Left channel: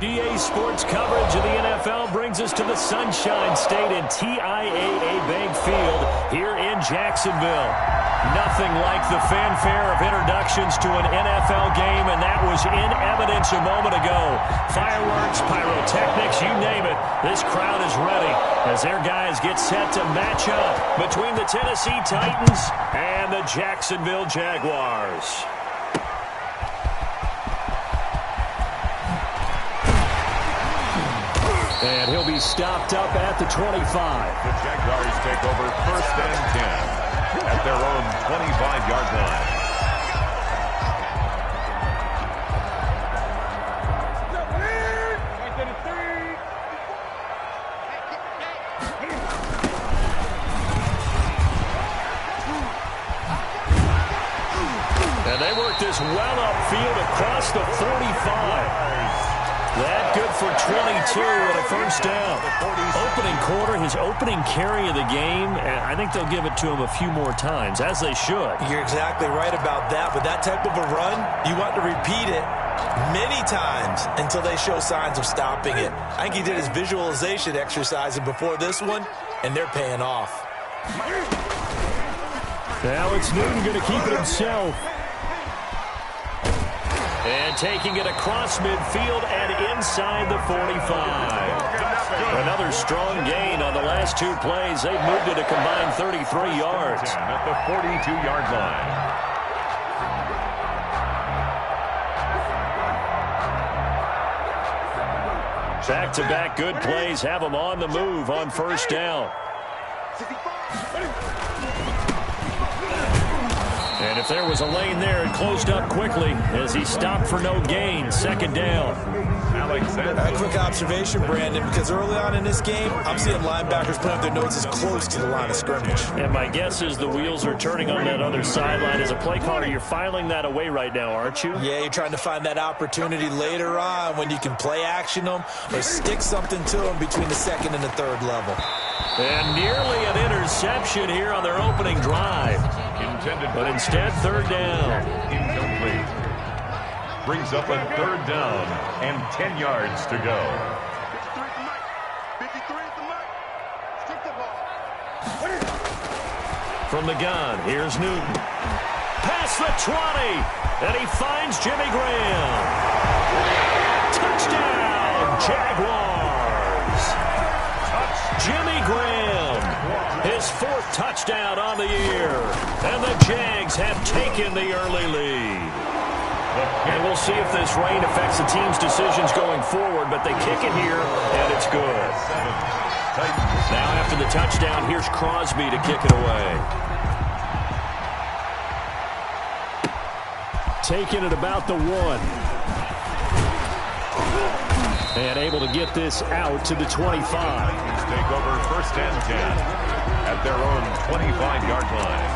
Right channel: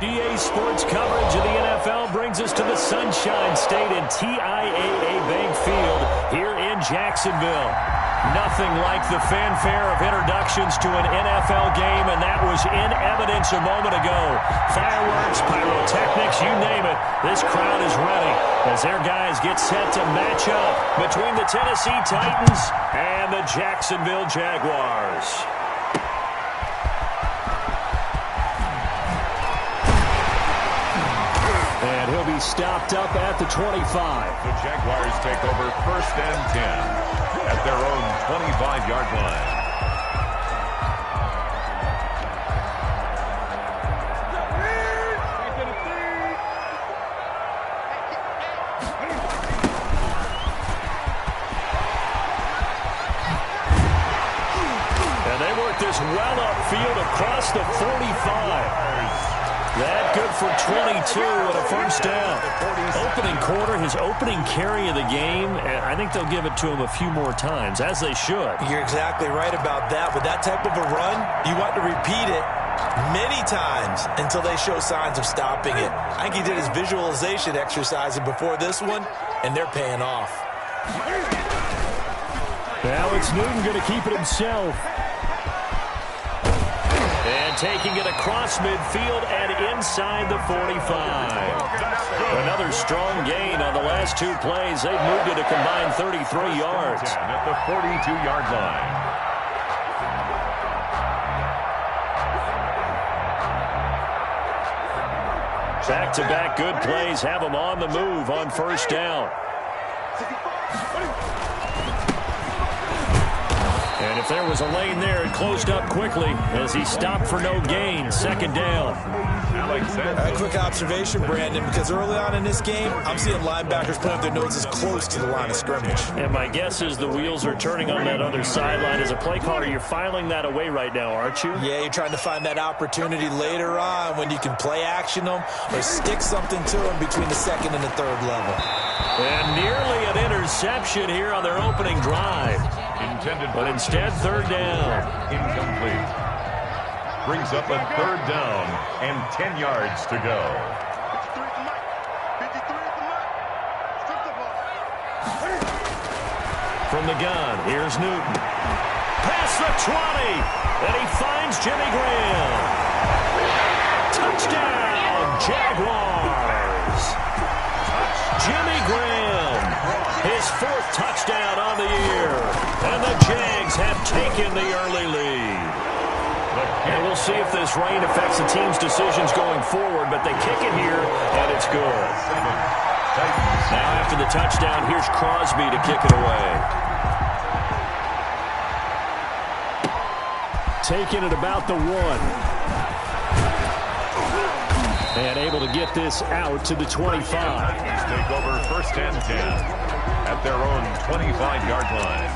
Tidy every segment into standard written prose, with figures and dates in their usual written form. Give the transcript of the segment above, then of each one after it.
EA Sports coverage of the NFL brings us to the Sunshine State and TIAA Bank Field here in Jacksonville. Nothing like the fanfare of introductions to an NFL game, and that was in evidence a moment ago. Fireworks, pyrotechnics, you name it. This crowd is ready as their guys get set to match up between the Tennessee Titans and the Jacksonville Jaguars. And he'll be stopped up at the 25. The Jaguars take over 1st and 10 at their own 25-yard line. And they work this well upfield across the 45. That good for 22 and a first down. Opening quarter, his opening carry of the game, and I think they'll give it to him a few more times, as they should. You're exactly right about that. With that type of a run, you want to repeat it many times until they show signs of stopping it. I think he did his visualization exercise before this one, and they're paying off. Now it's Newton going to keep it himself. And taking it across midfield and inside the 45. Another strong gain on the last two plays. They've moved it a combined 33 yards. At the 42-yard line. Back-to-back good plays have them on the move on first down. And if there was a lane there, it closed up quickly as he stopped for no gain. 2nd down. A quick observation, Brandon, because early on in this game, I'm seeing linebackers put up their noses close to the line of scrimmage. And my guess is the wheels are turning on that other sideline. As a play caller, you're filing that away right now, aren't you? Yeah, you're trying to find that opportunity later on when you can play action them or stick something to them between the 2nd and the 3rd level. And nearly an interception here on their opening drive. But instead, 3rd down. Incomplete. Brings up a 3rd down and 10 yards to go. 53 at the mic. 53 at the mic. Strip the ball. From the gun, here's Newton. Past the 20. And he finds Jimmy Graham. Touchdown, Jaguars. Jimmy Graham, his 4th touchdown on the year. And the Jags have taken the early lead. And we'll see if this rain affects the team's decisions going forward, but they kick it here, and it's good. Now after the touchdown, here's Crosby to kick it away. Taking it about the 1. And able to get this out to the 25. Take over 1st and 10 at their own 25-yard line.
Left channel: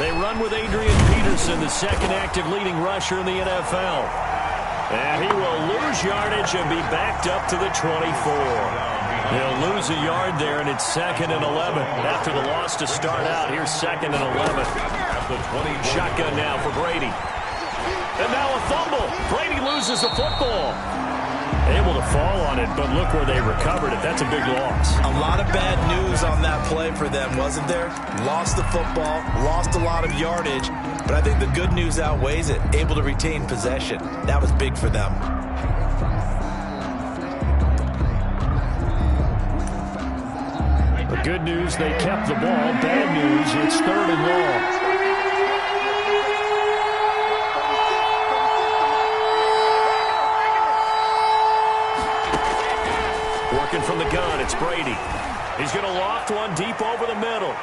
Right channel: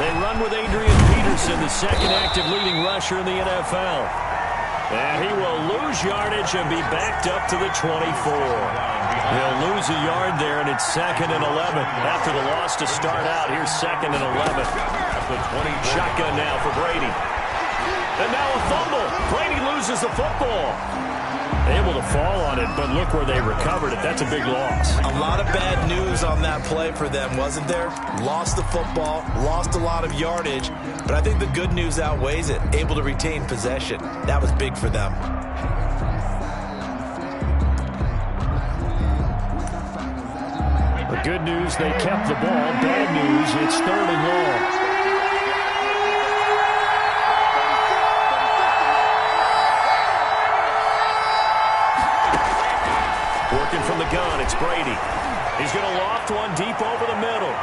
They run with Adrian Peterson, the 2nd active leading rusher in the NFL. And he will lose yardage and be backed up to the 24. He'll lose a yard there, and it's 2nd and 11. After the loss to start out, here's 2nd and 11. Shotgun now for Brady. And now a fumble. Brady loses the football. Able to fall on it, but look where they recovered it. That's a big loss. A lot of bad news on that play for them, wasn't there? Lost the football, lost a lot of yardage, but I think the good news outweighs it. Able to retain possession. That was big for them. The good news, they kept the ball. Bad news, it's 3rd and long. Working from the gun, it's Brady. He's going to loft one deep over the middle.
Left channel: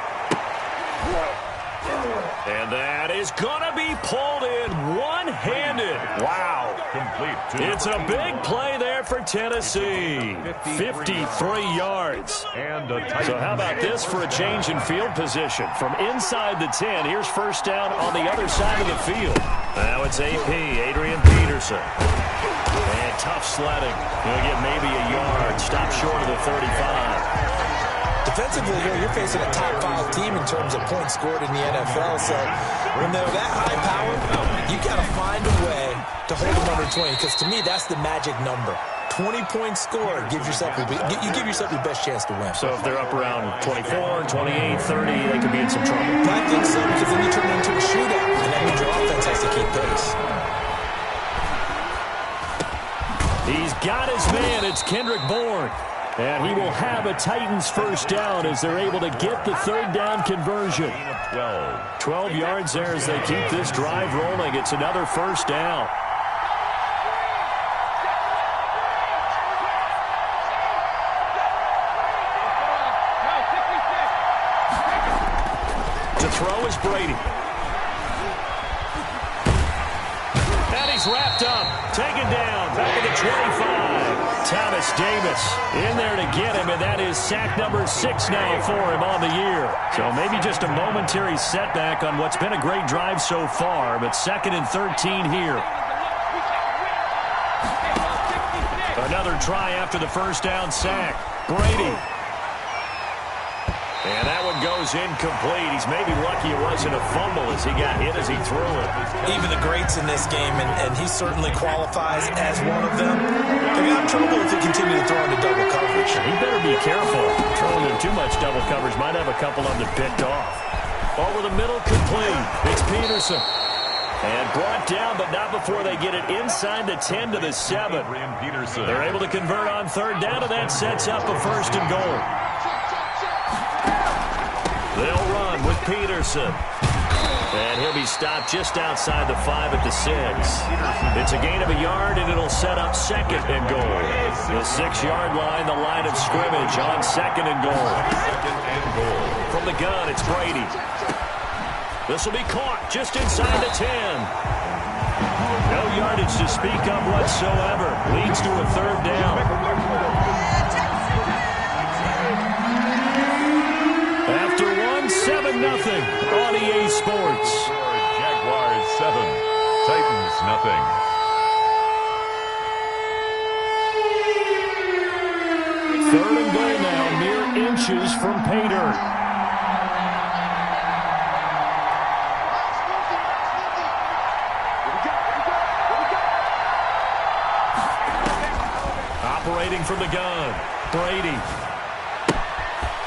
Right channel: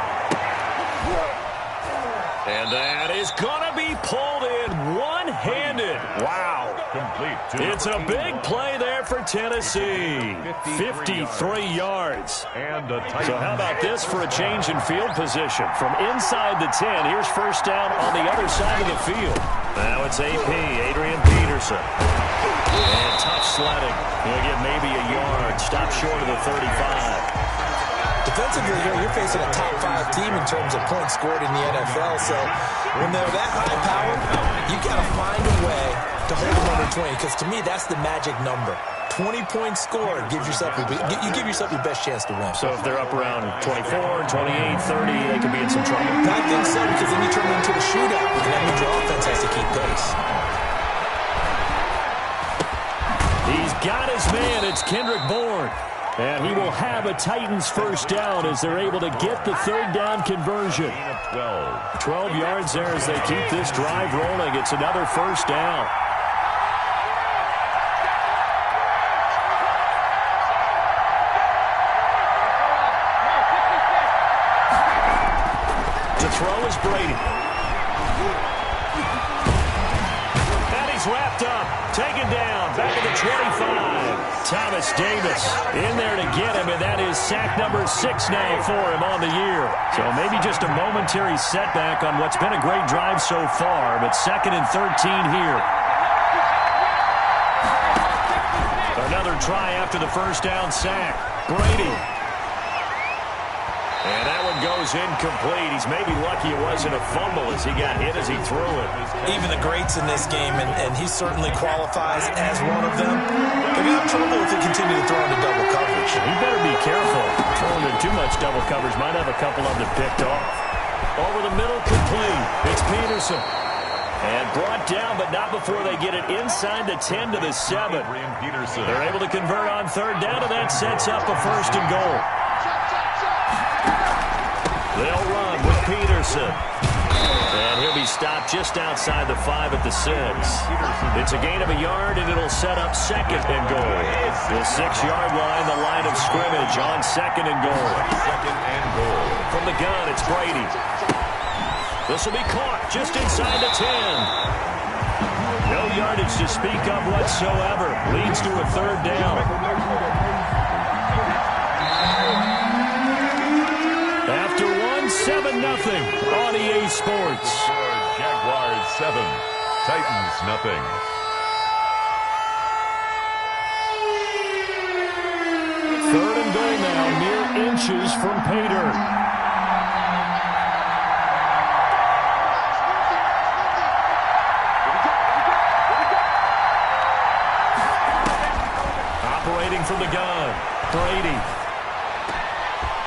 And that is going to be pulled in one-handed. Wow. Complete. It's a big play there for Tennessee. 53 yards. And a so how about this for a change in field position? From inside the 10, here's 1st down on the other side of the field. Now it's AP, Adrian Peterson. And tough sledding. He'll get maybe a yard. Stop short of the 35. Defensively here, you're facing a top 5 team in terms of points scored in the NFL. So when they're that high powered, you got to find a way to hold them under 20. Because to me, that's the magic number. 20 points scored gives yourself you give yourself your best chance to win. So if they're up around 24, 28, 30, they could be in some trouble. I think so, because then you turn it into a shootout, and that means your offense has to keep pace. He's got his man. It's Kendrick Bourne. And he will have a Titans first down as they're able to get the third down conversion. 12 yards there as they keep this drive rolling. It's another first down. To throw is Brady. And he's wrapped up, taken down, back at the 25. Thomas Davis in there to get him, and that is sack number 6 now for him on the year. So maybe just a momentary setback on what's been a great drive so far, but 2nd and 13 here. Another try after the first down sack. Brady. And that one goes incomplete. He's maybe lucky it wasn't a fumble as he got hit as he threw it. Even the greats in this game, and he certainly qualifies as one of them, they're going to have trouble if they continue to throw into double coverage. He better be careful. Throwing in too much double coverage might have a couple of them picked off. Over the middle, complete. It's Peterson. And brought down, but not before they get it inside the 10 to the 7. They're able to convert on third down, and that sets up a 1st and goal. They'll run with Peterson. And he'll be stopped just outside the 5 at the 6. It's a gain of a yard, and it'll set up 2nd and goal. The 6-yard line, the line of scrimmage on 2nd and goal. 2nd and goal. From the gun, it's Brady. This will be caught just inside the 10. No yardage to speak of whatsoever. Leads to a 3rd down. After 7-0 on EA Sports. Jaguars 7, Titans nothing. Third and goal now, mere inches from pay dirt. Operating from the gun, Brady.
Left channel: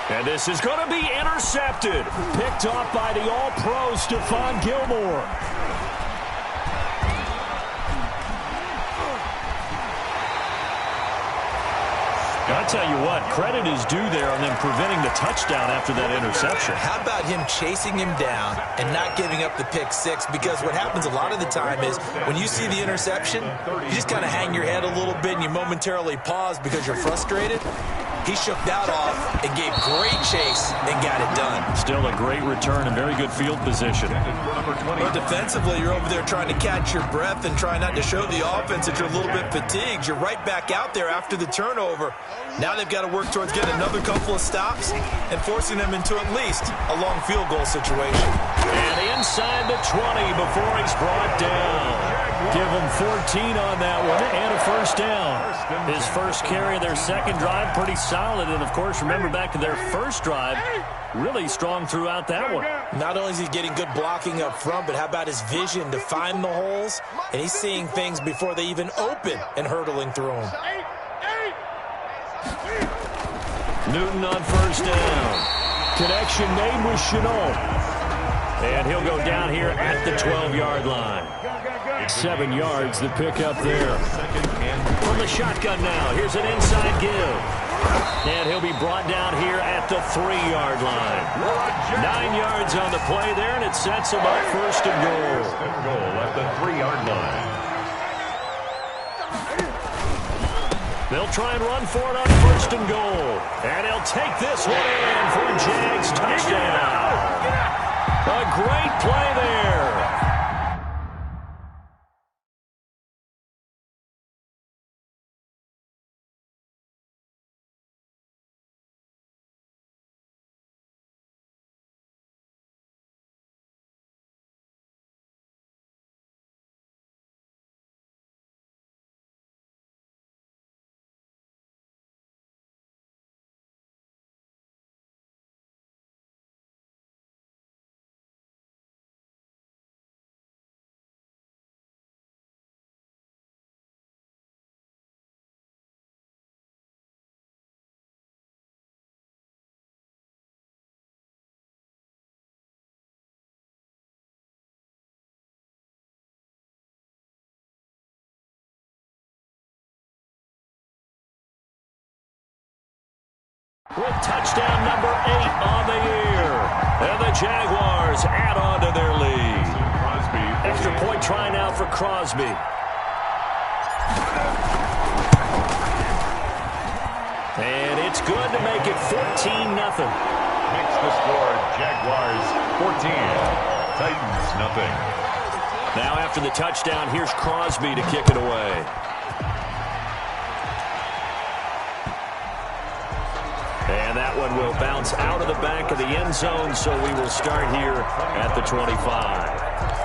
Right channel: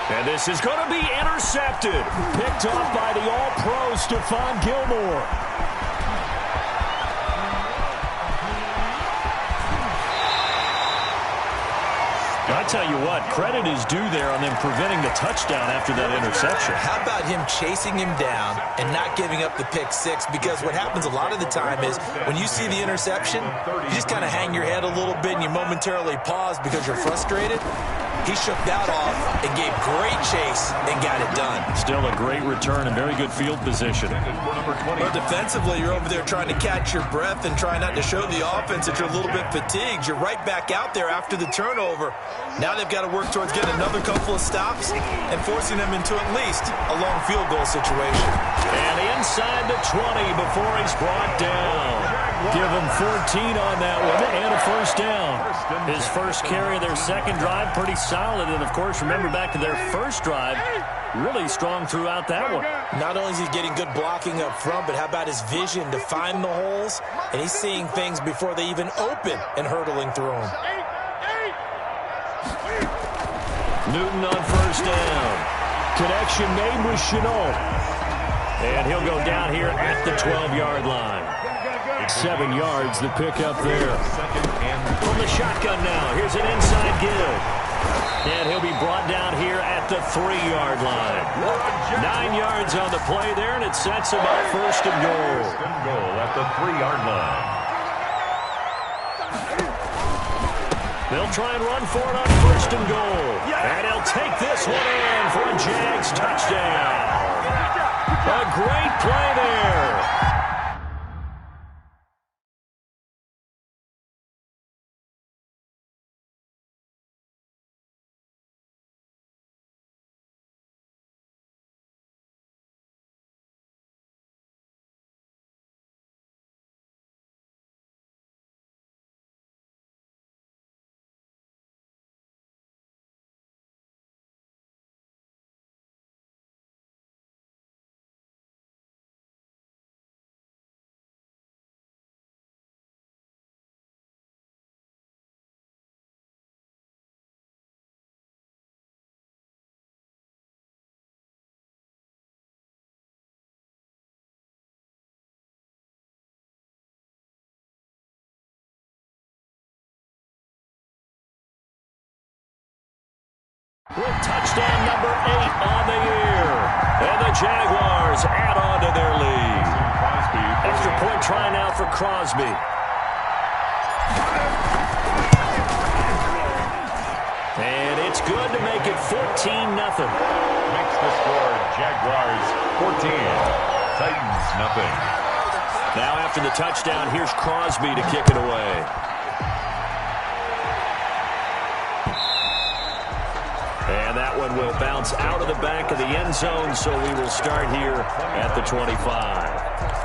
And this is going to be intercepted. Picked off by the All-Pro Stephon Gilmore. I tell you what, credit is due there on them preventing the touchdown after that interception. How about him chasing him down and not giving up the pick 6? Because what happens a lot of the time is when you see the interception, you just kind of hang your head a little bit and you momentarily pause because you're frustrated. He shook that off and gave great chase and got it done. Still a great return and very good field position. But defensively, you're over there trying to catch your breath and try not to show the offense that you're a little bit fatigued. You're right back out there after the turnover. Now they've got to work towards getting another couple of stops and forcing them into at least a long field goal situation. And inside the 20 before he's brought down. Give him 14 on that one and a first down. His first carry of their second drive, pretty solid. And, of course, remember back to their first drive, really strong throughout that one. Not only is he getting good blocking up front, but how about his vision to find the holes? And he's seeing things before they even open and hurdling through them. Newton on first down. Connection made with Chenault. And he'll go down here at the 12-yard line. 7 yards the pick up there. From the shotgun now, here's an inside give. And he'll be brought down here at the 3-yard line. 9 yards on the play there, and it sets him up 1st and goal. 1st and goal at the 3-yard line. They'll try and run for it on 1st and goal. And he'll take this one in for a Jags touchdown. A great play there. with touchdown number 8 on the year. And the Jaguars add on to their lead. Extra point try now for Crosby. And it's good to make it 14-0. Makes the score Jaguars 14, Titans nothing. Now after the touchdown, here's Crosby to kick it away. And that one will bounce out of the back of the end zone, so we will start here at the 25.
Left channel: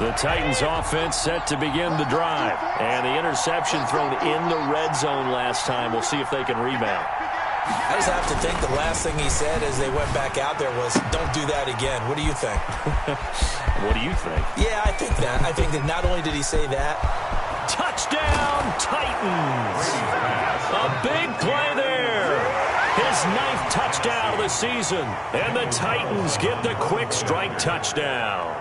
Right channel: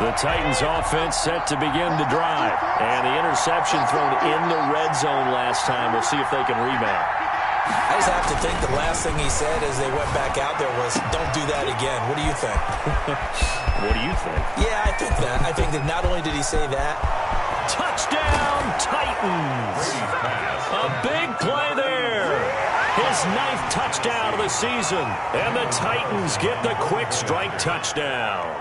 The Titans offense set to begin the drive. And the interception thrown in the red zone last time. We'll see if they can rebound. I just have to think the last thing he said as they went back out there was, don't do that again. What do you think? What do you think? Yeah, I think that. I think that not only did he say that. Touchdown, Titans. A big play there. His 9th touchdown of the season. And the Titans get the quick strike touchdown.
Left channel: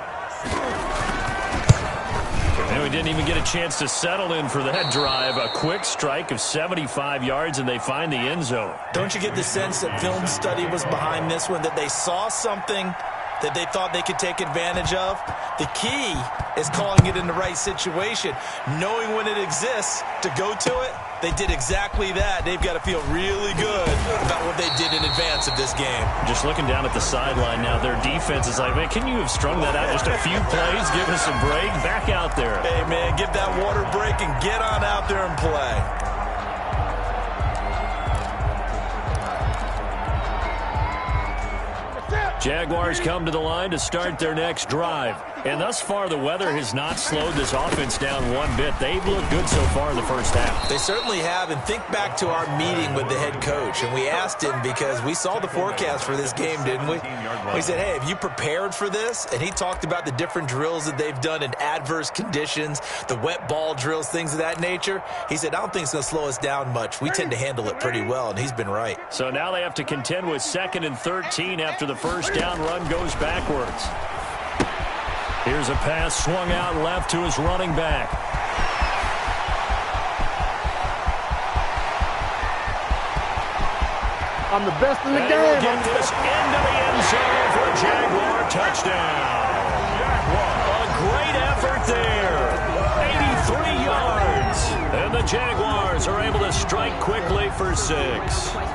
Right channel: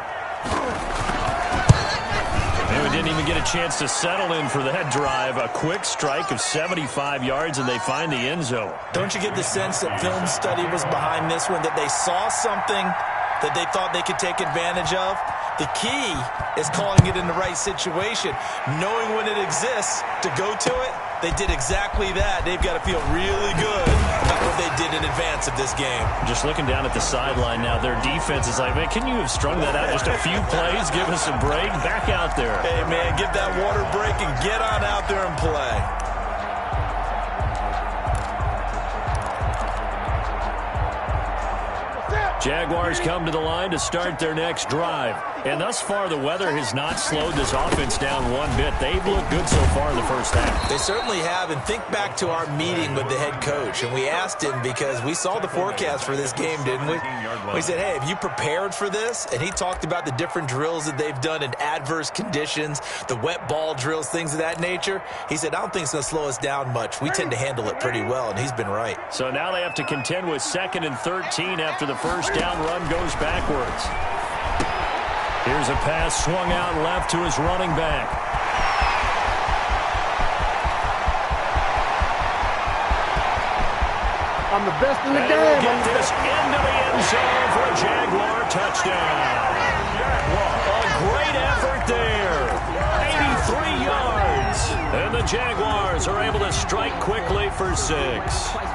And we didn't even get a chance to settle in for that drive. A quick strike of 75 yards, and they find the end zone. Don't you get the sense that film study was behind this one, that they saw something that they thought they could take advantage of? The key is calling it in the right situation, knowing when it exists to go to it. They did exactly that. They've got to feel really good about what they did in advance of this game. Just looking down at the sideline now, their defense is like, man, can you have strung that out just a few plays? Give us a break. Back out there. Hey, man, give that water break and get on out there and play. Jaguars come to the line to start their next drive. And thus far, the weather has not slowed this offense down one bit. They've looked good so far in the first half. They certainly have. And think back to our meeting with the head coach. And we asked him, because we saw the forecast for this game, didn't we? We said, hey, have you prepared for this? And he talked about the different drills that they've done in adverse conditions, the wet ball drills, things of that nature. He said, I don't think it's going to slow us down much. We tend to handle it pretty well, and he's been right. So now they have to contend with 2nd and 13 after the first down run goes backwards. Here's a pass swung out left to his running back. I'm the best in the And game. we'll get this into the end zone for a Jaguar touchdown. A great effort there. 83 yards. And the Jaguars are able to strike quickly for 6.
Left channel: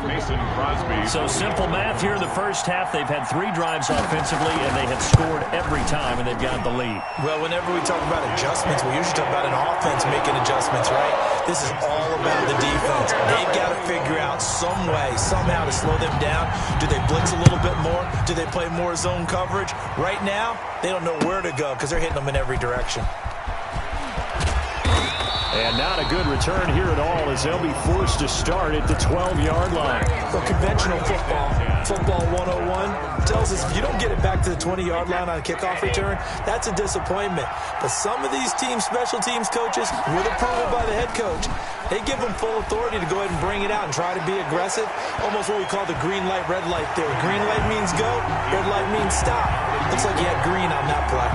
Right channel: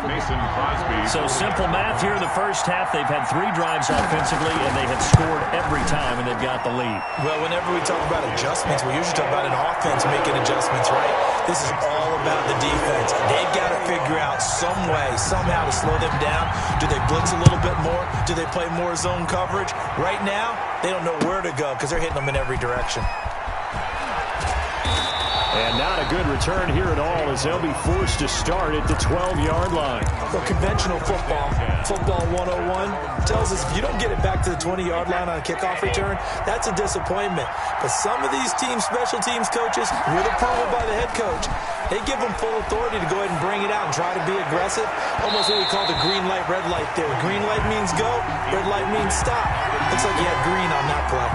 Mason Crosby. So simple math here in the first half. They've had 3 drives offensively, and they have scored every time, and they've got the lead. Well, whenever we talk about adjustments, we usually talk about an offense making adjustments, right? This is all about the defense. They've got to figure out some way, somehow to slow them down. Do they blitz a little bit more? Do they play more zone coverage? Right now, they don't know where to go because they're hitting them in every direction. And not a good return here at all, as they'll be forced to start at the 12-yard line. So conventional football 101, tells us if you don't get it back to the 20-yard line on a kickoff return, that's a disappointment. But some of these teams, special teams coaches, with approval by the head coach, they give them full authority to go ahead and bring it out and try to be aggressive. Almost what we call the green light, red light theory. Green light means go, red light means stop. Looks like you had green on that play.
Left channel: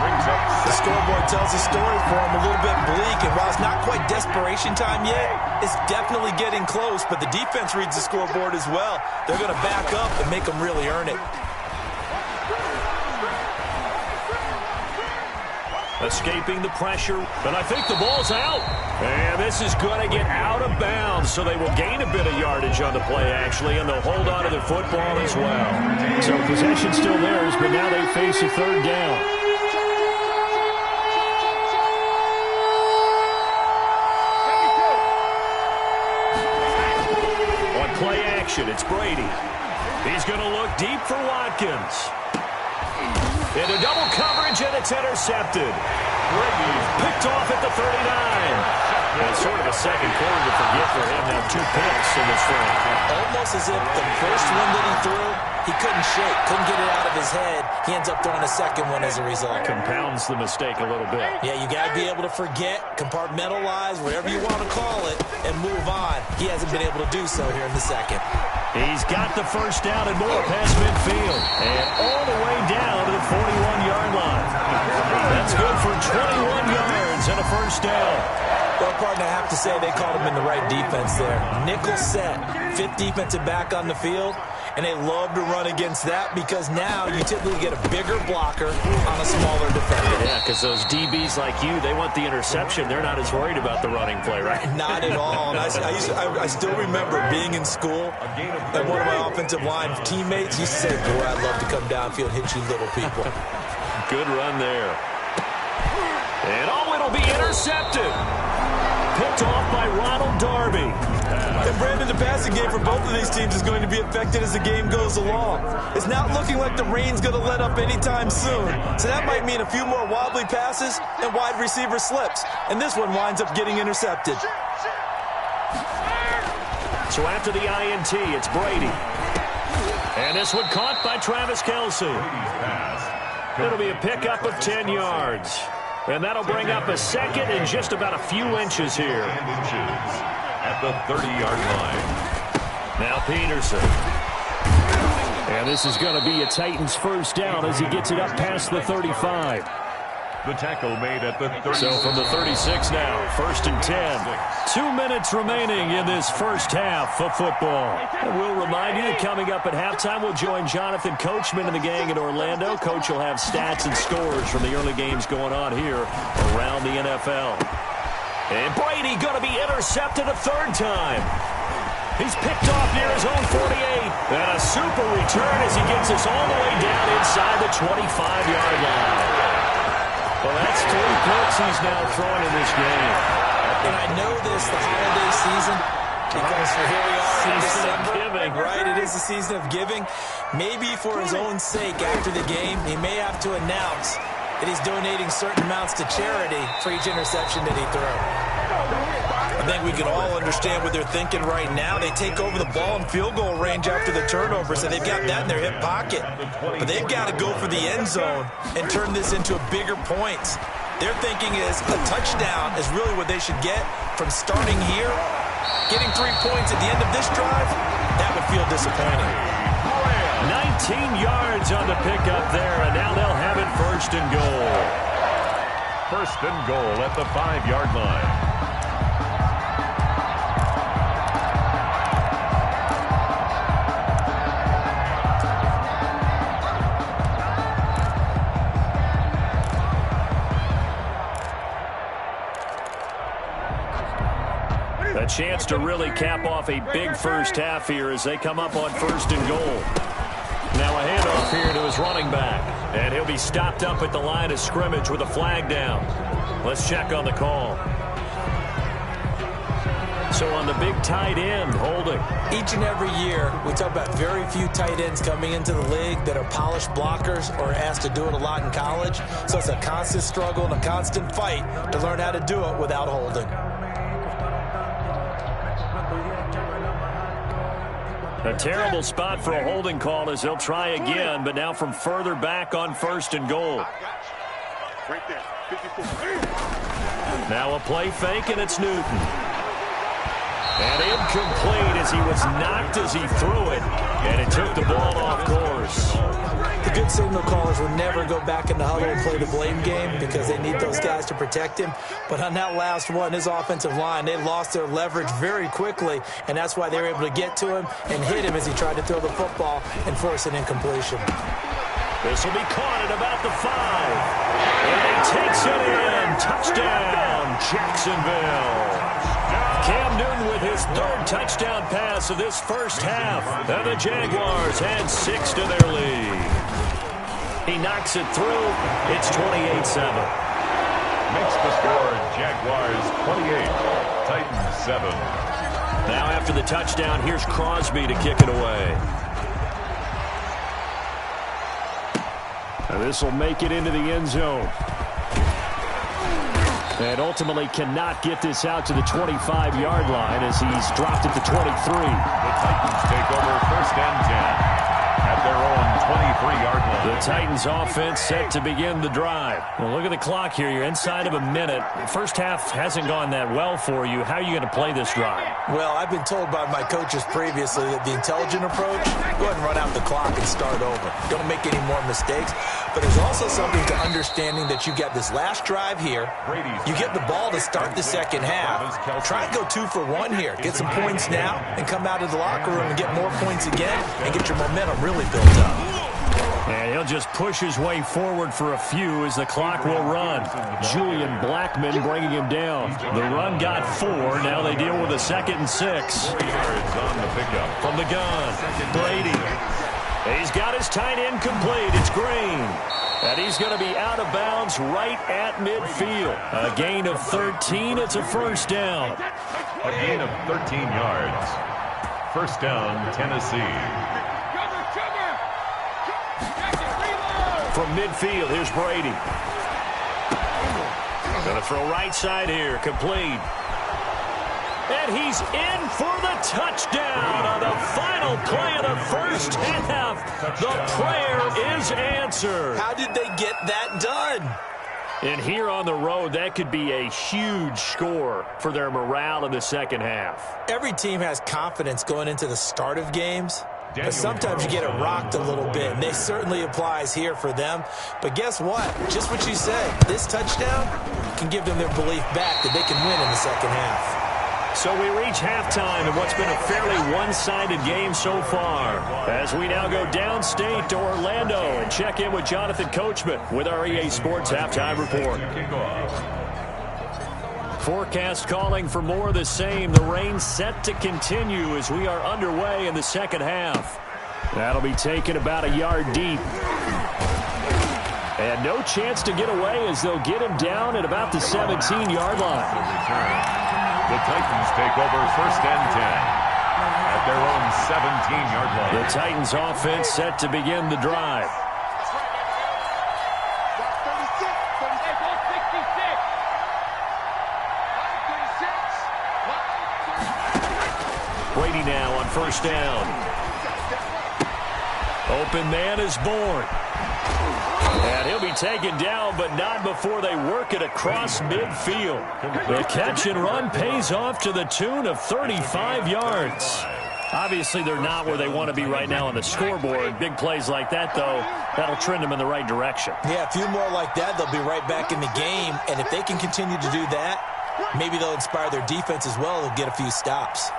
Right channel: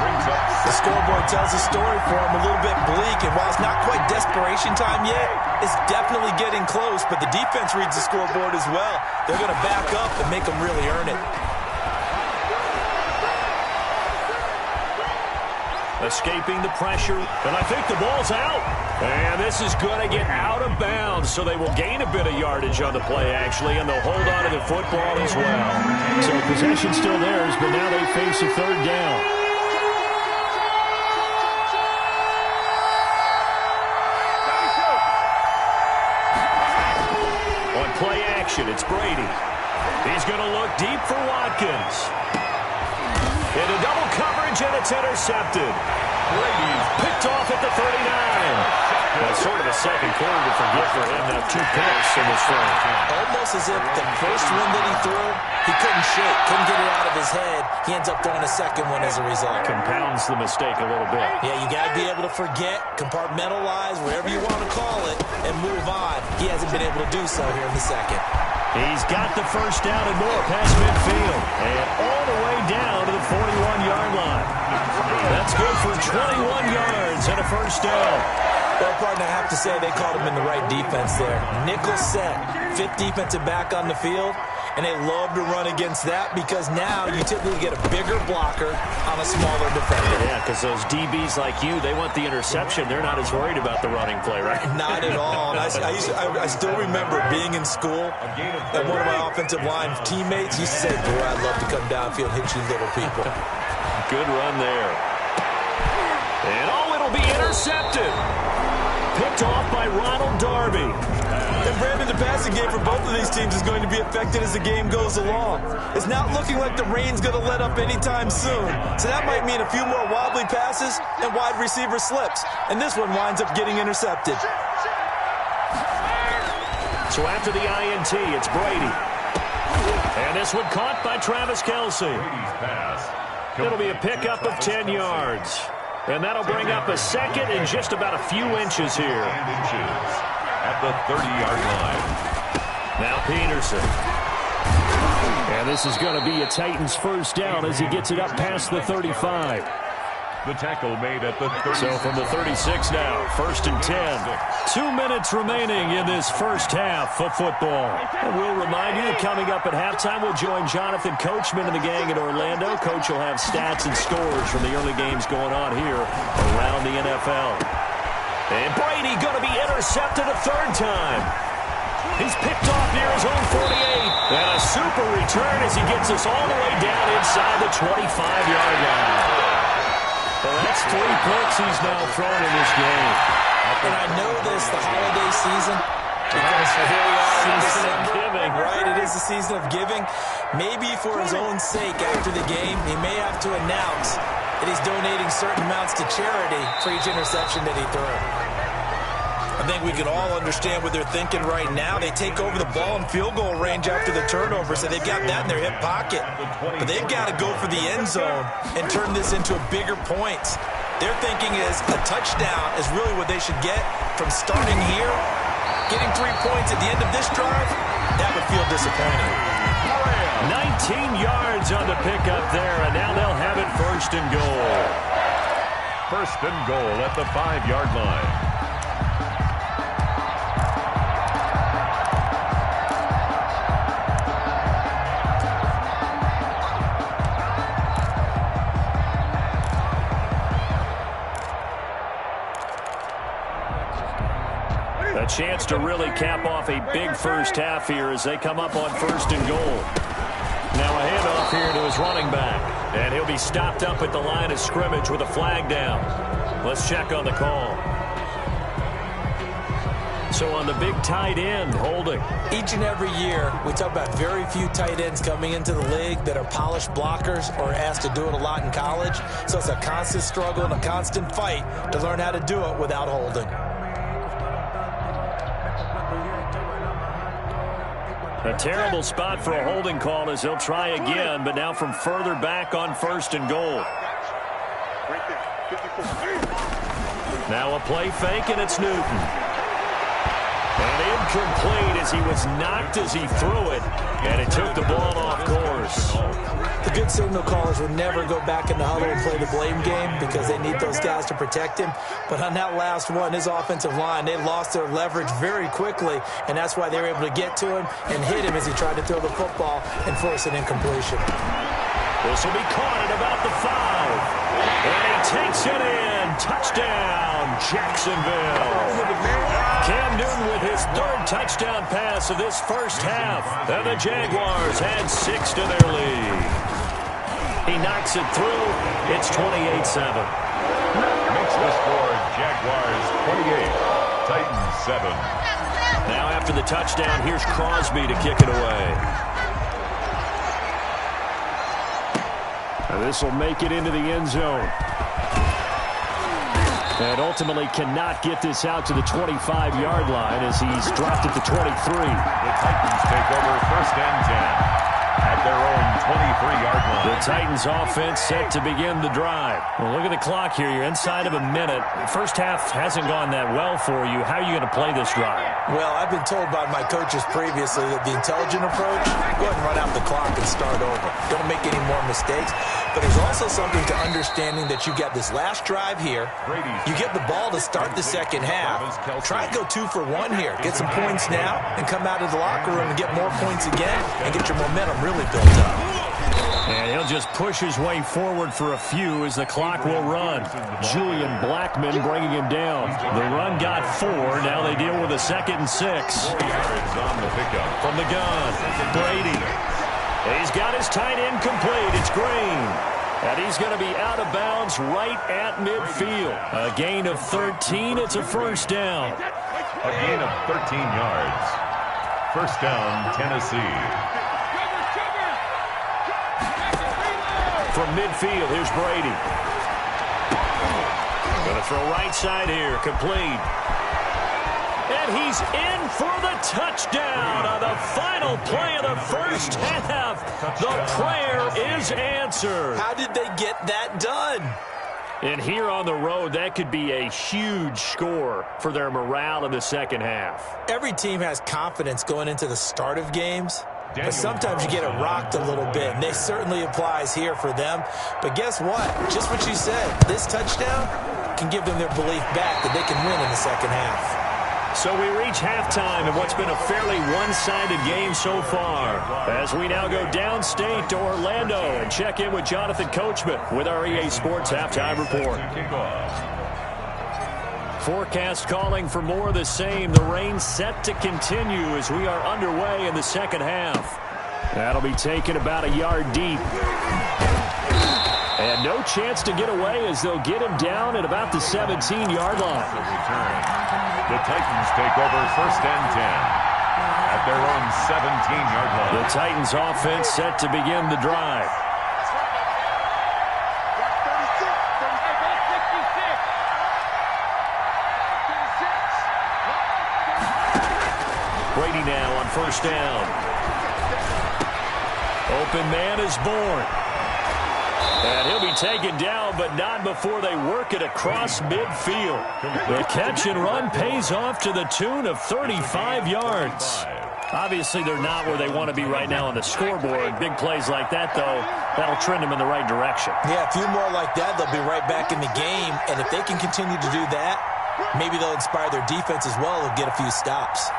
Brings up The scoreboard tells a story for him, a little bit bleak, and while it's not quite desperation time yet, it's definitely getting close, but the defense reads the scoreboard as well. They're going to back up and make them really earn it. Escaping the pressure, and I think the ball's out. And this is going to get out of bounds, so they will gain a bit of yardage on the play, actually, and they'll hold on to the football as well. So possession still theirs, but now they face a 3rd down. On play action, it's Brady. He's going to look deep for Watkins. Into double coverage, and it's intercepted. Brady's picked off at the 39. That's sort of a second quarter to forget for him. Now 2 picks in this frame. Almost as if the first one that he threw, he couldn't shake, couldn't get it out of his head. He ends up throwing a second one as a result. Compounds the mistake a little bit. Yeah, you got to be able to forget, compartmentalize, whatever you want to call it, and move on. He hasn't been able to do so here in the second. He's got the first down and more past midfield. And all the way down to the 41-yard line. That's good for 21 yards and a first down. Well, partner, I have to say they called him in the right defense there. Nickel set, fifth defensive back on the field, and they love to run against that because now you typically get a bigger blocker on a smaller defender. Yeah, because those DBs like you, they want the interception. They're not as worried about the running play, right? Not at all. And I still remember being in school, and one of my offensive line teammates used to say, boy, I'd love to come downfield and hit you little people. Good run there. And it'll be intercepted. Picked off by Ronald Darby. And Brandon, the passing game for both of these teams is going to be affected as the game goes along. It's not looking like the rain's going to let up anytime soon. So that might mean a few more wobbly passes and wide receiver slips. And this one winds up getting intercepted. So after the INT, it's Brady. And this one caught by Travis Kelce. It'll be a pickup of 10 yards. And that'll bring up a second and just about a few inches here. At the 30-yard line. Now Peterson. And this is going to be a Titans first down as he gets it up past the 35. The tackle made at the 36. So from the 36 now, first and 10. 2 minutes remaining in this first half of football. And we'll remind you that coming up at halftime, we'll join Jonathan Coachman and the gang in Orlando. Coach will have stats and scores from the early games going on here around the NFL. And Brady going to be intercepted a third time. He's picked off near his own 48. And a super return as he gets us all the way down inside the 25-yard line. Well, that's 3 picks he's now thrown in this game. And I know this, the holiday season, because here we are in December. Giving. Right, it is the season of giving. Maybe for his own sake after the game, he may have to announce that he's donating certain amounts to charity for each interception that he threw. I think we can all understand what they're thinking right now. They take over the ball in field goal range after the turnover, so they've got that in their hip pocket. But they've got to go for the end zone and turn this into bigger points. Their thinking is a touchdown is really what they should get from starting here. Getting 3 points at the end of this drive, that would feel disappointing. 19 yards on the pickup there, and now they'll have it first and goal. First and goal at the 5-yard line. A chance to really cap off a big first half here as they come up on first and goal. Now a handoff here to his running back. And he'll be stopped up at the line of scrimmage with a flag down. Let's check on the call. So on the big tight end, holding. Each and every year, we talk about very few tight ends coming into the league that are polished blockers or asked to do it a lot in college. So it's a constant struggle and a constant fight to learn how to do it without holding. A terrible spot for a holding call as he'll try again, but now from further back on first and goal. Right there, 54. Now a play fake, and it's Newton. And incomplete as he was knocked as he threw it, and it took the ball off course. The good signal callers will never go back in the huddle and play the blame game because they need those guys to protect him. But on that last one, his offensive line, they lost their leverage very quickly, and that's why they were able to get to him and hit him as he tried to throw the football and force an incompletion. This will be caught at about the 5. And he takes it in. Touchdown, Jacksonville. Cam Newton with his third touchdown pass of this first half. And the Jaguars add 6 to their lead. He knocks it through. It's 28-7. Makes the score Jaguars 28, Titans 7. Now after the touchdown, here's Crosby to kick it away. And this will make it into the end zone. And ultimately cannot get this out to the 25-yard line as he's dropped at the 23. The Titans take over first and 10 at their own 23-yard line. The Titans offense set to begin the drive. Well, look at the clock here. You're inside of a minute. The first half hasn't gone that well for you. How are you going to play this drive? Well, I've been told by my coaches previously that the intelligent approach, go ahead and run out the clock and start over. Don't make any more mistakes. But there's also something to understanding that you get this last drive here. You get the ball to start the second half. Try and go 2 for 1 here. Get some points now and come out of the locker room and get more points again and get your momentum really built up. And he'll just push his way forward for a few as the clock will run. Julian Blackman bringing him down. The run got 4. Now they deal with a 2nd and 6. 4 yards on the pickup. From the gun, Brady. He's got his tight end complete. It's Green. And he's going to be out of bounds right at midfield. A gain of 13. It's a first down. A gain of 13 yards. First down, Tennessee. From midfield, here's Brady. Going to throw right side here, complete. And he's in for the touchdown on the final play of the first half. The prayer is answered. How did they get that done? And here on the road, that could be a huge score for their morale in the second half. Every team has confidence going into the start of games. But sometimes you get it rocked a little bit, and this certainly applies here for them. But guess what? Just what you said, this touchdown can give them their belief back that they can win in the second half. So we reach halftime in what's been a fairly one-sided game so far. As we now go downstate to Orlando and check in with Jonathan Coachman with our EA Sports Halftime Report. Forecast calling for more of the same. The rain set to continue as we are underway in the second half. That'll be taken about a yard deep. And no chance to get away as they'll get him down at about the 17-yard line. The Titans take over first and 10 at their own 17-yard line. The Titans offense set to begin the drive. Brady now on first down. Open man is born. And he'll be taken down, but not before they work it across midfield. The catch and run pays off to the tune of 35 yards. Obviously, they're not where they want to be right now on the scoreboard. Big plays like that, though, that'll trend them in the right direction. Yeah, a few more like that, they'll be right back in the game. And if they can continue to do that, maybe they'll inspire their defense as well. They'll get a few stops.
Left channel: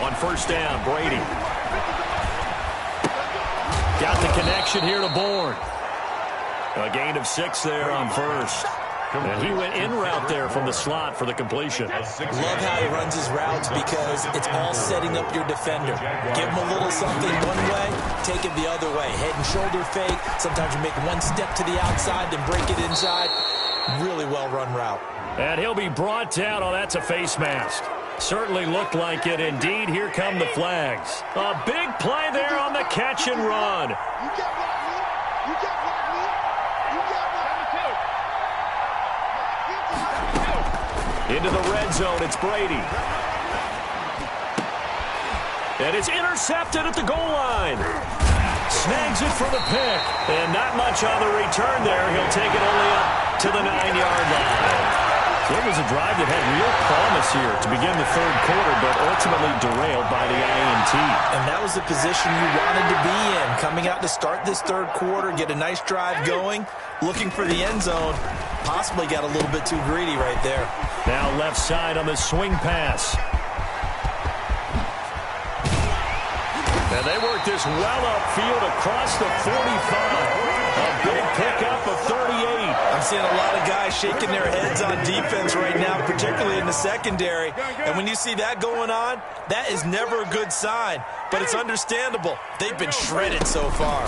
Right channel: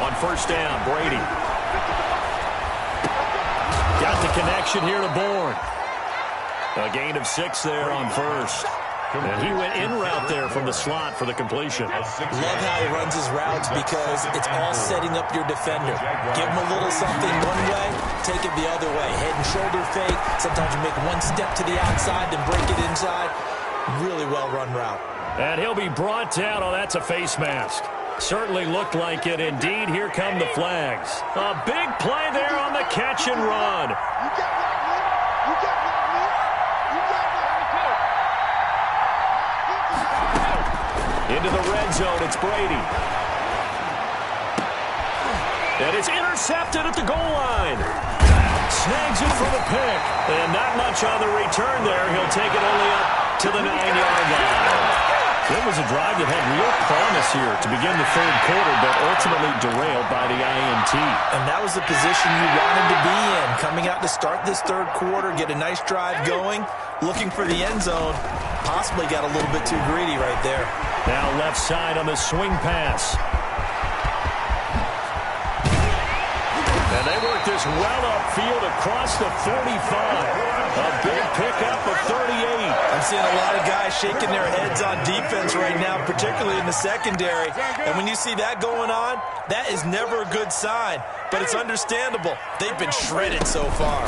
On first down, Brady. Got the connection here to Bourne. A gain of 6 there on first. And he went in route there from the slot for the completion. Love how he runs his routes because it's all setting up your defender. Give him a little something one way, take it the other way. Head and shoulder fake. Sometimes you make one step to the outside, then break it inside. Really well run route. And he'll be brought down. Oh, that's a face mask. Certainly looked like it. Indeed, here come the flags. A big play there on the catch and run. You get right, Lee. You get right, Lee. You get right. Into the red zone, it's Brady. And it's intercepted at the goal line. Snags it for the pick. And not much on the return there. He'll take it only up to the 9-yard line. It was a drive that had real promise here to begin the third quarter, but ultimately derailed by the INT. And that was the position you wanted to be in. Coming out to start this third quarter, get a nice drive going, looking for the end zone. Possibly got a little bit too greedy right there. Now left side on the swing pass. And they work this well upfield across the 45. A big pickup of 38. I'm seeing a lot of guys shaking their heads on defense right now, particularly in the secondary. And when you see that going on, that is never a good sign. But it's understandable. They've been shredded so far.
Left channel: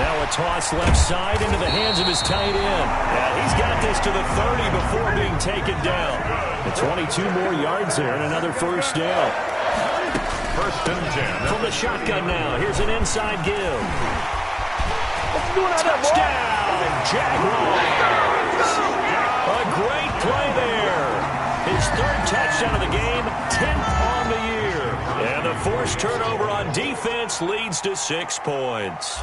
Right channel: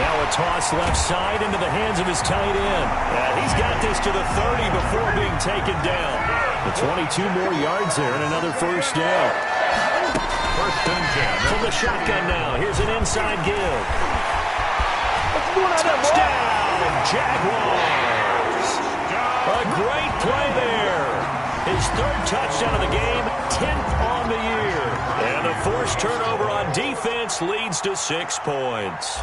Now a toss left side into the hands of his tight end. And he's got this to the 30 before being taken down. The 22 more yards there and another first down. First and 10. From the shotgun now, here's an inside give. Touchdown, Jaguars. A great play there. His third touchdown of the game, 10th on the year. And the forced turnover on defense leads to 6 points.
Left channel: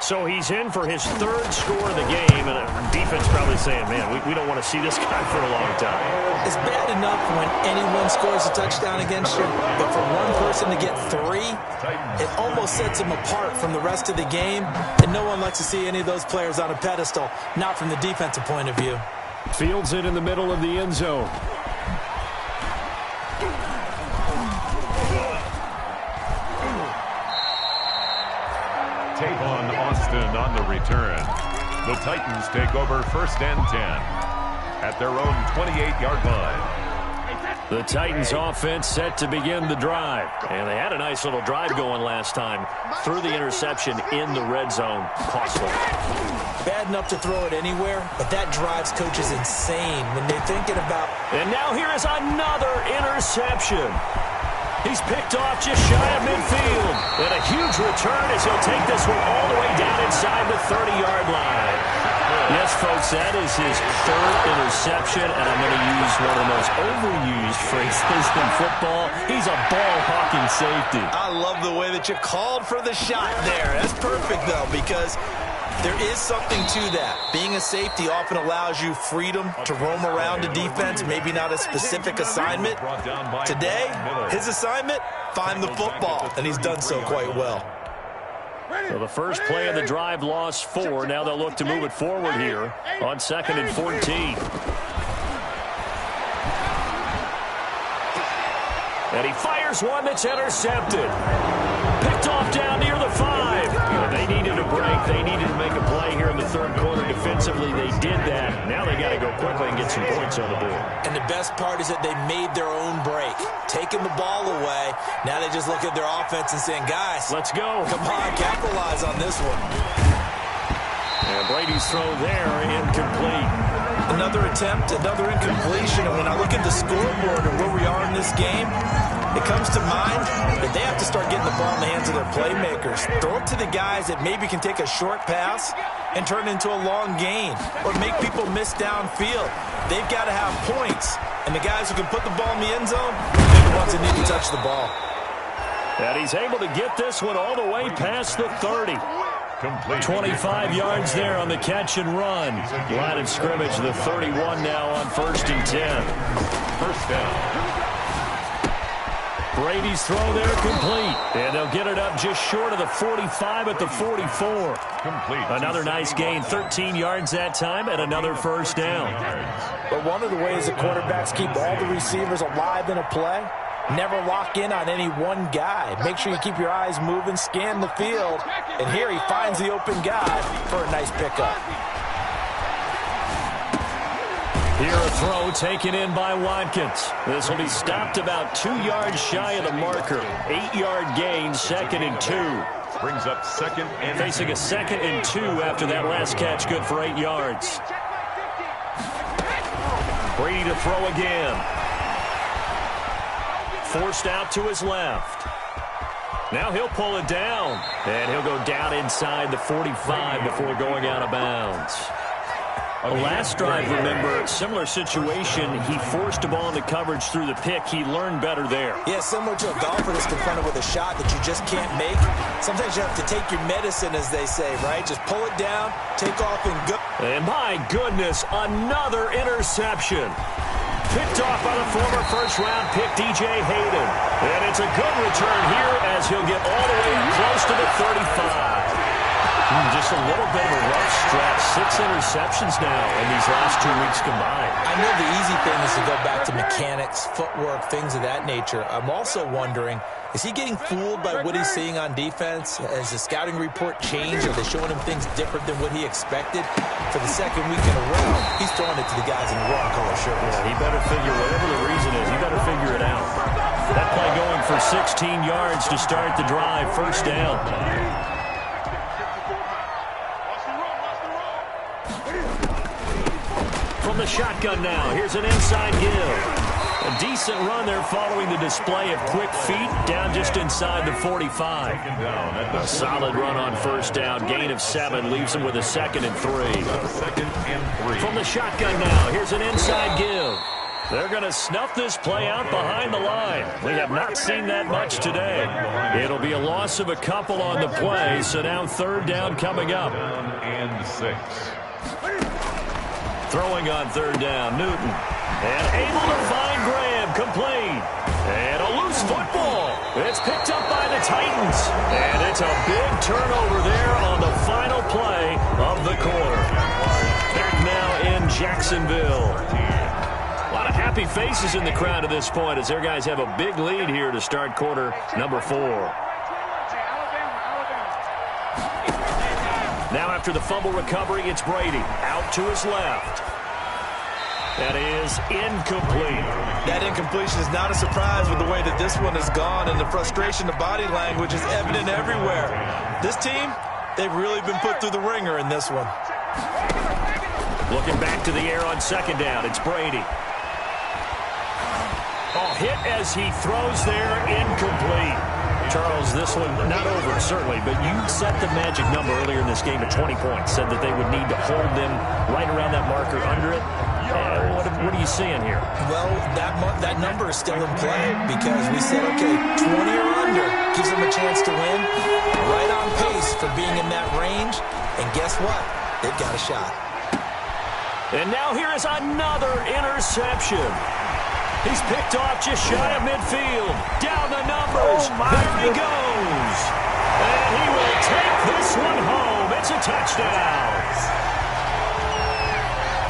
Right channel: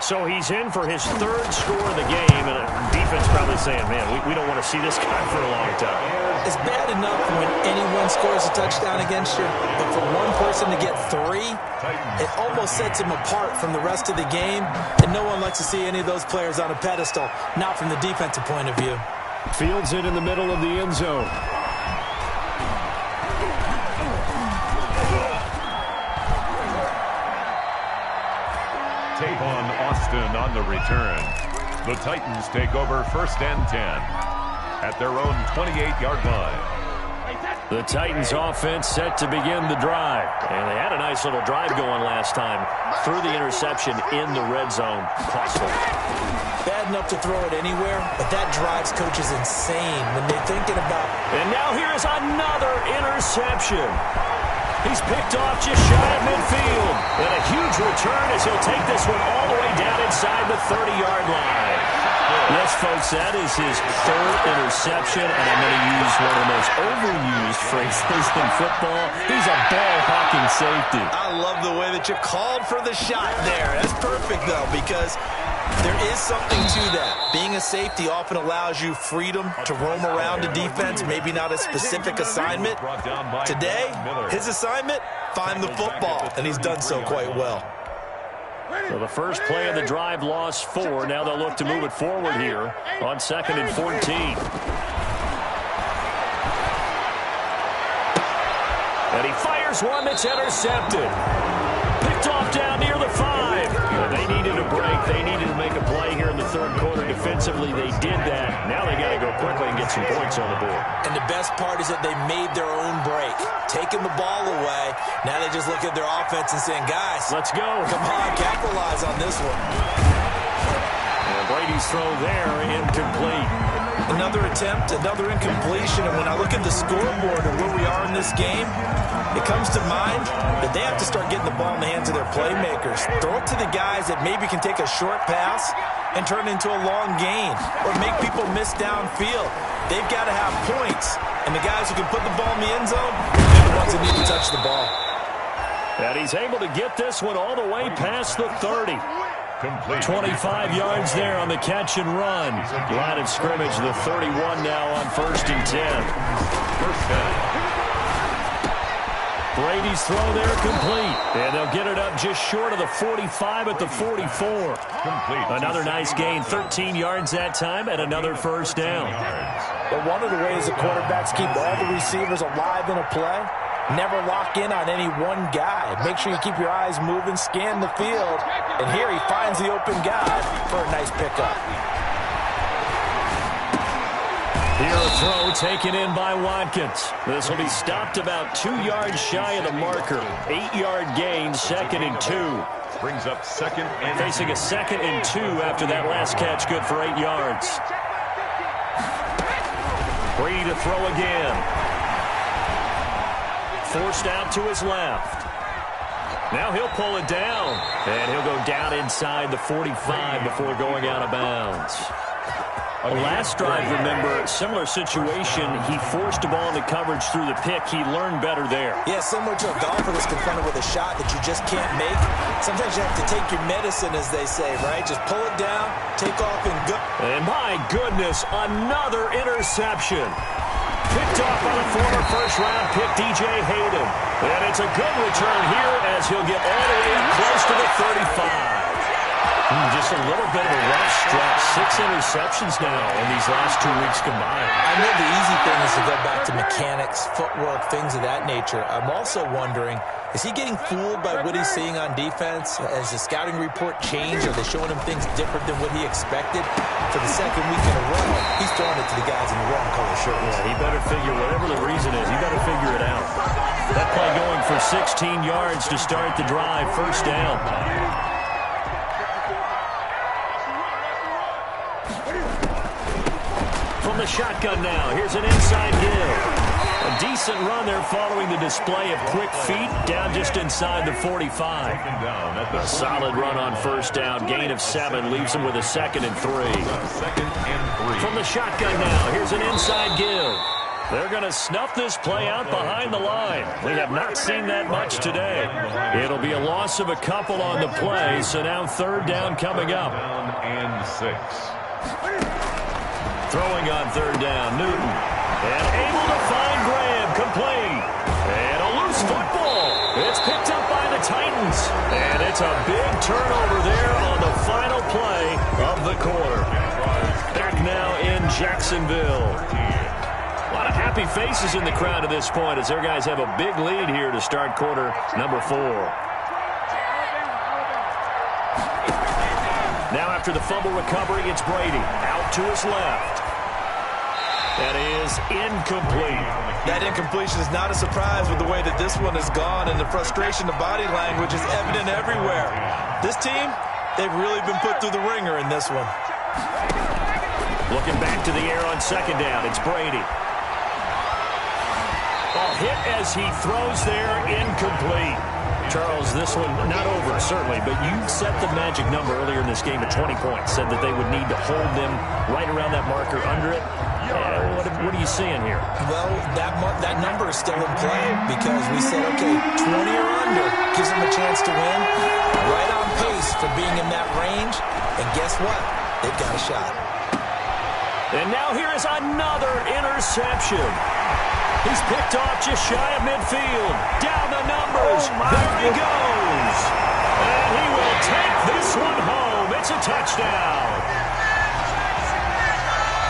So he's in for his 3rd score of the game, and defense probably saying, man, we don't want to see this guy for a long time. It's bad enough when anyone scores a touchdown against you, but for one person to get 3, it almost sets him apart from the rest of the game, and no one likes to see any of those players on a pedestal, not from the defensive point of view. Fields it in the middle of the end zone. Tavon Austin on the return. The Titans take over 1st and 10 at their own 28-yard line. The Titans offense set to begin the drive. And they had a nice little drive going last time. Threw the interception in the red zone. Costly. Bad enough to throw it anywhere, but that drives coaches insane when they're thinking about... And now here is another interception. He's picked off just shy of midfield. And a huge return as he'll take this one all the way down inside the 30-yard line. Yes, folks, that is his 3rd interception, and I'm going to use one of the most overused phrases in football. He's a ball-hawking safety. I love the way that you called for the shot there. That's perfect, though, because there is something to that. Being a safety often allows you freedom to roam around a defense, maybe not a specific assignment. Today, his assignment, find the football, and he's done so quite well. So the first play of the drive lost 4. Now they'll look to move it forward here on 2nd and 14. And he fires one that's intercepted. Picked off down near the 5. They needed a break. They needed to make a play here in the 3rd quarter defensively. They did that. Now they got to go quickly and get some points on the board. And the best part is that they made their own break. Taking the ball away. Now they just look at their offense and saying, guys, let's go. Come on, capitalize on this one. And Brady's throw there, incomplete. Another attempt, another incompletion. And when I look at the scoreboard and where we are in this game, it comes to mind that they have to start getting the ball in the hands of their playmakers. Throw it to the guys that maybe can take a short pass and turn it into a long gain or make people miss downfield. They've got to have points. And the guys who can put the ball in the end zone, they're the ones that need to touch the ball. And he's able to get this one all the way past the 30. 25 yards there on the catch and run. Line of scrimmage, the 31 now on 1st and 10. 1st down. Brady's throw there complete. And they'll get it up just short of the 45 at the 44. Complete. Another nice gain, 13 yards that time, and another 1st down. But one of the ways the quarterbacks keep all the receivers alive in a play, never lock in on any one guy. Make sure you keep your eyes moving, scan the field. And here he finds the open guy for a nice pickup. Here a throw taken in by Watkins. This will be stopped about 2 yards shy of the marker. 8-yard gain, 2nd and 2. Brings up 2nd and facing a 2nd and 2 after that last catch, good for 8 yards. Brady to throw again. Forced out to his left. Now he'll pull it down. And he'll go down inside the 45 before going out of bounds. Last drive, remember, similar situation. He forced a ball into coverage through the pick. He learned better there. Yeah, similar to a golfer that's confronted with a shot that you just can't make. Sometimes you have to take your medicine, as they say, right? Just pull it down, take off, and go. And my goodness, another interception. Picked off by the former first-round pick, DJ Hayden. And it's a good return here as he'll get all the way up close to the 35. Just a little bit of a rough stretch. 6 interceptions now in these last 2 weeks combined. I know the easy thing is to go back to mechanics, footwork, things of that nature. I'm also wondering, is he getting fooled by what he's seeing on defense? Has the scouting report changed? Are they showing him things different than what he expected? For the 2nd week in a row, he's throwing it to the guys in the wrong color shirts. Yeah, he better figure, whatever the reason is, he better figure it out. That play going for 16 yards to start the drive, 1st down. From the shotgun now, here's an inside give. A decent run there following the display of quick feet down just inside the 45. A solid run on 1st down, gain of 7, leaves him with a 2nd and 3. Second and 3. From the shotgun now, here's an inside give. They're going to snuff this play out behind the line. We have not seen that much today. It'll be a loss of a couple on the play, so now third down coming up. Down and 6. Throwing on third down, Newton. And able to find Graham, complete. And a loose football. It's picked up by the Titans. And it's a big turnover there on the final play of the quarter. Back now in Jacksonville. A lot of happy faces in the crowd at this point as their guys have a big lead here to start quarter number 4. Now after the fumble recovery, it's Brady. Out to his left. That is incomplete. That incompletion is not a surprise with the way that this one has gone, and the frustration, the body language is evident everywhere. This team, they've really been put through the ringer in this one. Looking back to the air on second down, it's Brady. Oh, hit as he throws there, incomplete. Charles, this one not over, certainly, but you set the magic number earlier in this game at 20 points. Said that they would need to hold them right around that marker under it. What are you seeing here? Well, that number is still in play because we said, okay, 20 or under gives them a chance to win. Right on pace for being in that range. And guess what? They've got a shot. And now here is another interception. He's picked off just shy of midfield. Down the numbers. There he goes. And he will take this one home. It's a touchdown.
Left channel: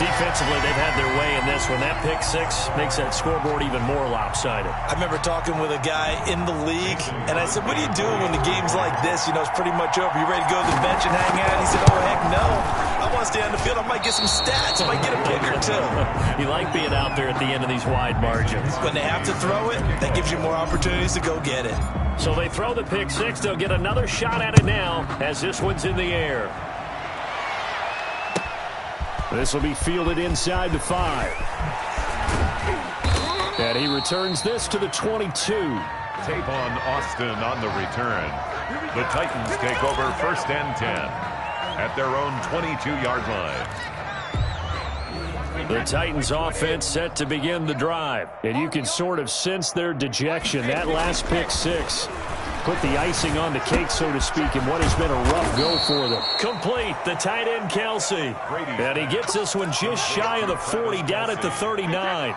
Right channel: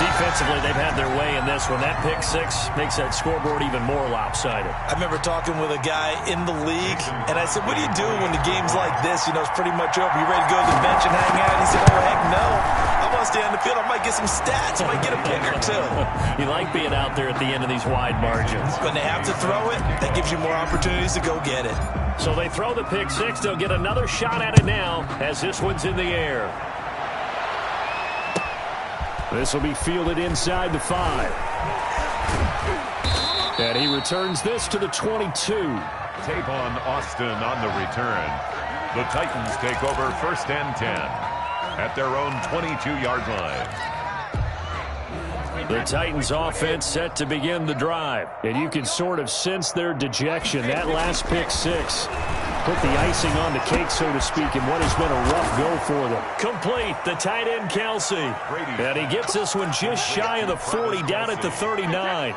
Defensively, they've had their way in this one. That pick six makes that scoreboard even more lopsided. I remember talking with a guy in the league, and I said, what do you do when the game's like this? You know, it's pretty much over. You ready to go to the bench and hang out? He said, oh, heck no. I want to stay on the field. I might get some stats. I might get a pick or two. You like being out there at the end of these wide margins. When they have to throw it, that gives you more opportunities to go get it. So they throw the pick six. They'll get another shot at it now as this one's in the air. This will be fielded inside the 5. And he returns this to the 22. Tavon Austin on the return. The Titans take over first and 10 at their own 22-yard line. The Titans offense set to begin the drive. And you can sort of sense their dejection. That last pick six put the icing on the cake, so to speak, in what has been a rough go for them. Complete, the tight end, Kelsey. And he gets this one just shy of the 40, down at the 39.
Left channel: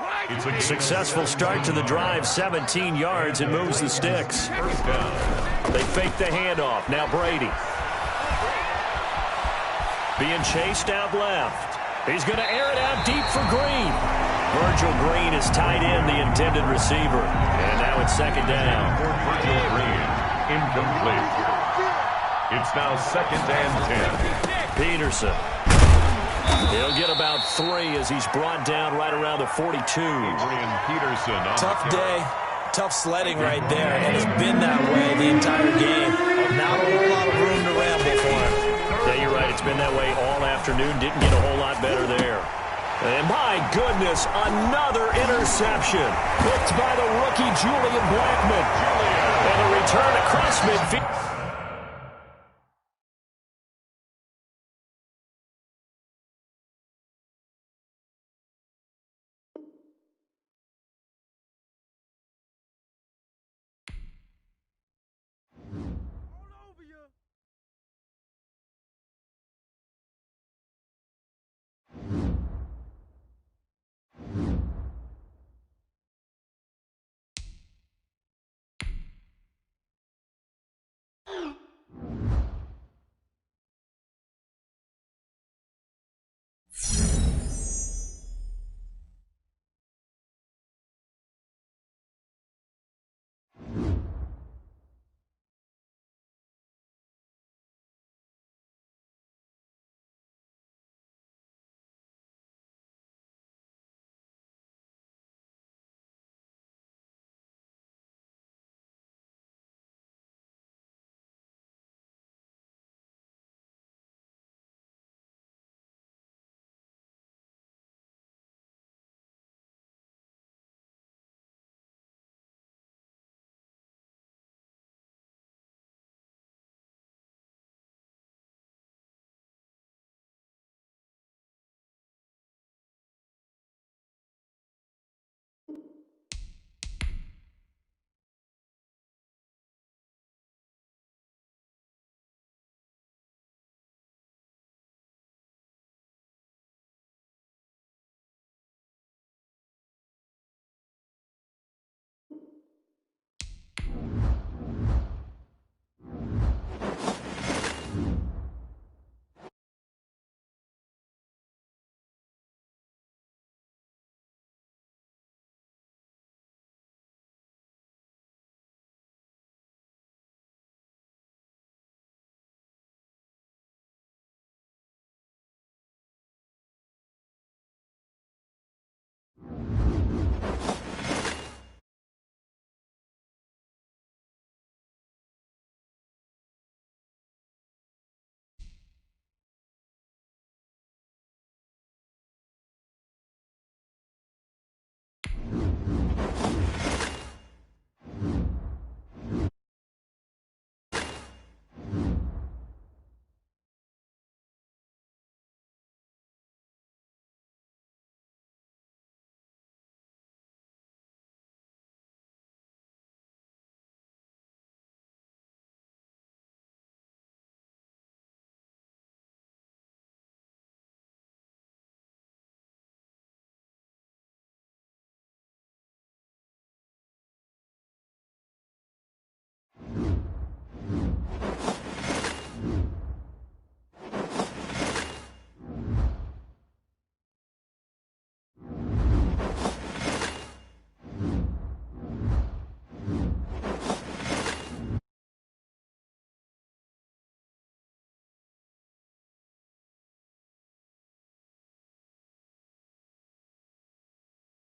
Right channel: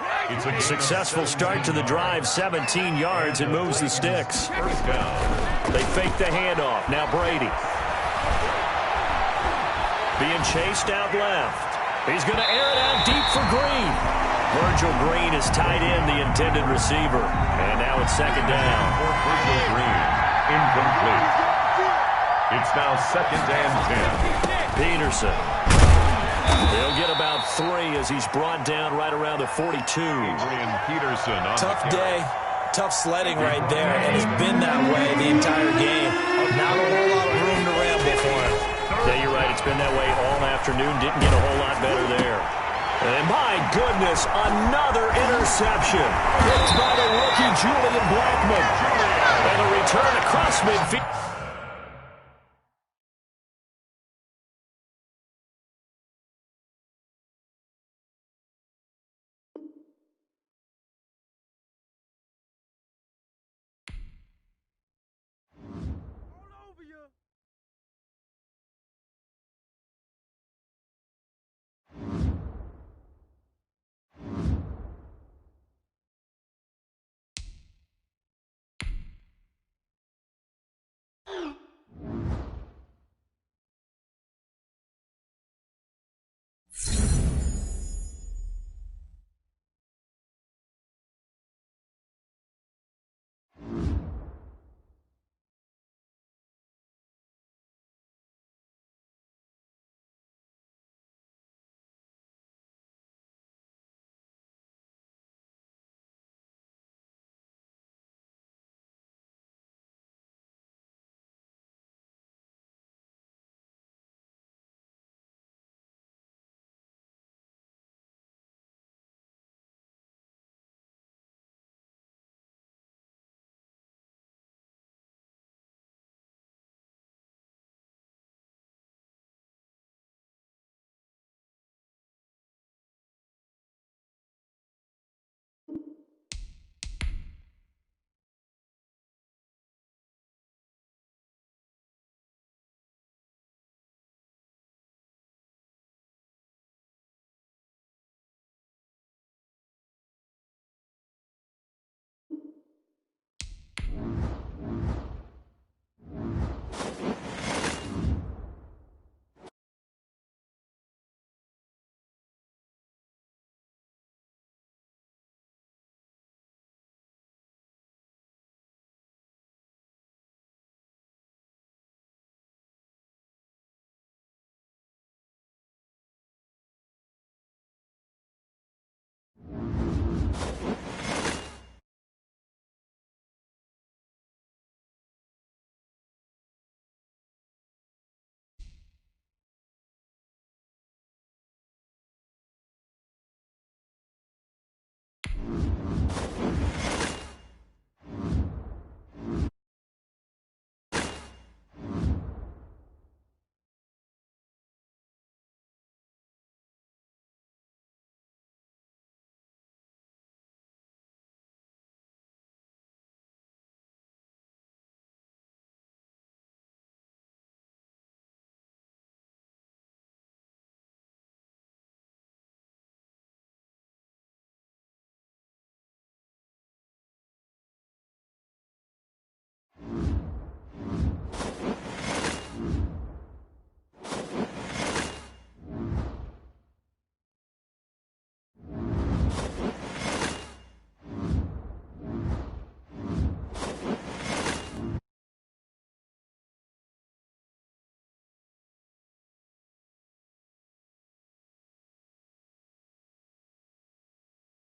Successful start to the drive, 17 yards, and moves the sticks. First down. They fake the handoff. Now Brady. Being chased out left. He's going to air it out deep for Green. Virgil Green is tied in, the intended receiver. And now it's second down. For Virgil Green, incomplete. It's now second and 10. Peterson. He'll get about 3 as he's brought down right around the 42. Adrian Peterson on Tough day. Tough sledding right there, and it's been that way the entire game. Not a whole lot of room to ramble for him. Yeah, you're right. It's been that way all afternoon. Didn't get a whole lot better there. And my goodness, another interception. Picked by the rookie Julian Blackmon. And a return across midfield.